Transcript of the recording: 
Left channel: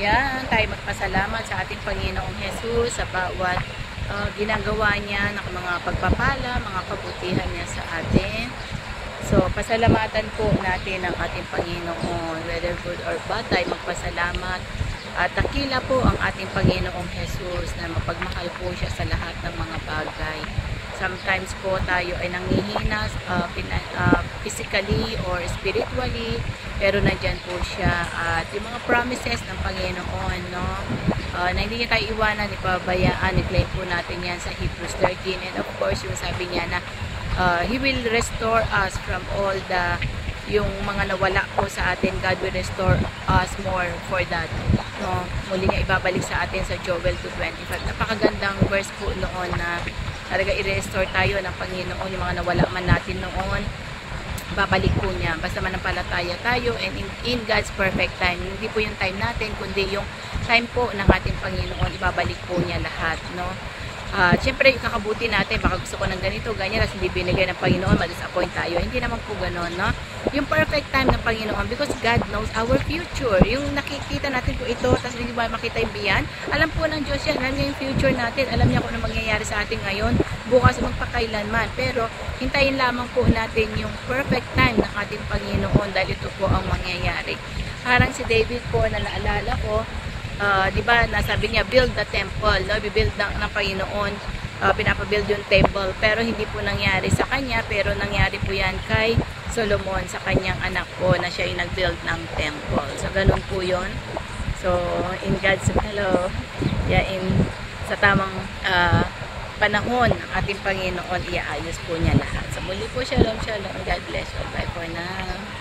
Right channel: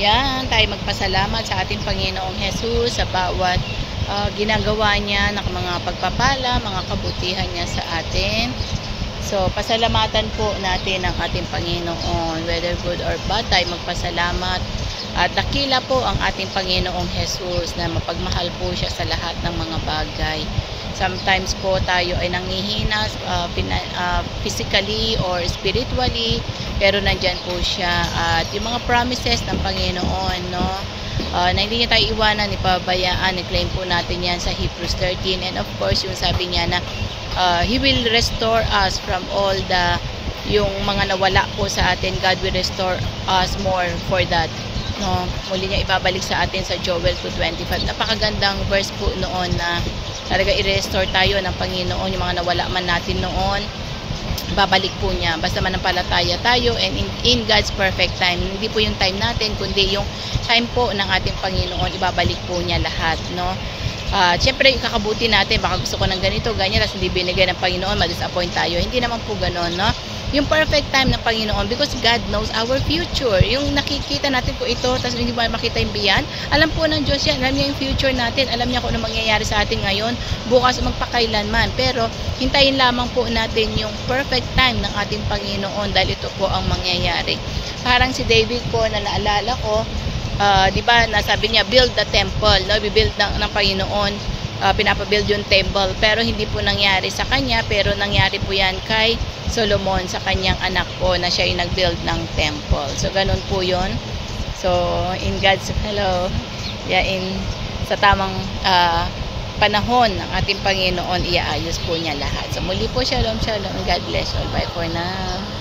Yan, tayo magpasalamat sa ating Panginoong Jesus sa bawat ginagawa niya ng mga pagpapala, mga kabutihan niya sa atin. So, pasalamatan po natin ang ating Panginoon. Whether good or bad, tayo magpasalamat. At dakila po ang ating Panginoong Jesus na mapagmahal po siya sa lahat ng mga bagay. Sometimes po tayo ay nanghihina physically or spiritually, pero nandyan po siya. At yung mga promises ng Panginoon, no, na hindi niya tayo iwanan, ipabayaan, i-claim po natin yan sa Hebrews 13. And of course, yung sabi niya na He will restore us from all yung mga nawala po sa atin. God will restore us more for that. No, muli niya ibabalik sa atin sa Joel 2:25. Napakagandang verse po noon na talaga i-restore tayo ng Panginoon yung mga nawala man natin noon. Babalik po niya. Basta manampalataya tayo and in God's perfect time. Hindi po yung time natin, kundi yung time po ng ating Panginoon. Ibabalik po niya lahat, no? Siyempre, kakabuti natin, baka gusto ko ng ganito, ganyan, tapos hindi binigay ng Panginoon, ma-disappoint tayo. Hindi naman po gano'n, no? Yung perfect time ng Panginoon, because God knows our future. Yung nakikita natin po ito, tapos hindi ba makita yung biyan, alam po ng Diyos yan, alam niya yung future natin, alam niya kung ano mangyayari sa atin ngayon, bukas magpakailanman. Pero, hintayin lamang po natin yung perfect time ng ating Panginoon, dahil ito po ang mangyayari. Parang si David po, na naalala ko, di ba, nasabi niya, build the temple, no? Bibuild ng Panginoon, pinapabuild yung temple, pero hindi po nangyari sa kanya, pero nangyari po yan kay Solomon, sa kanyang anak po, na siya yung nag-build ng temple. So, ganun po yun. So, in God's, sa tamang panahon ng ating Panginoon, iaayos po niya lahat. So, muli po, shalom, shalom, God bless all. Bye for now.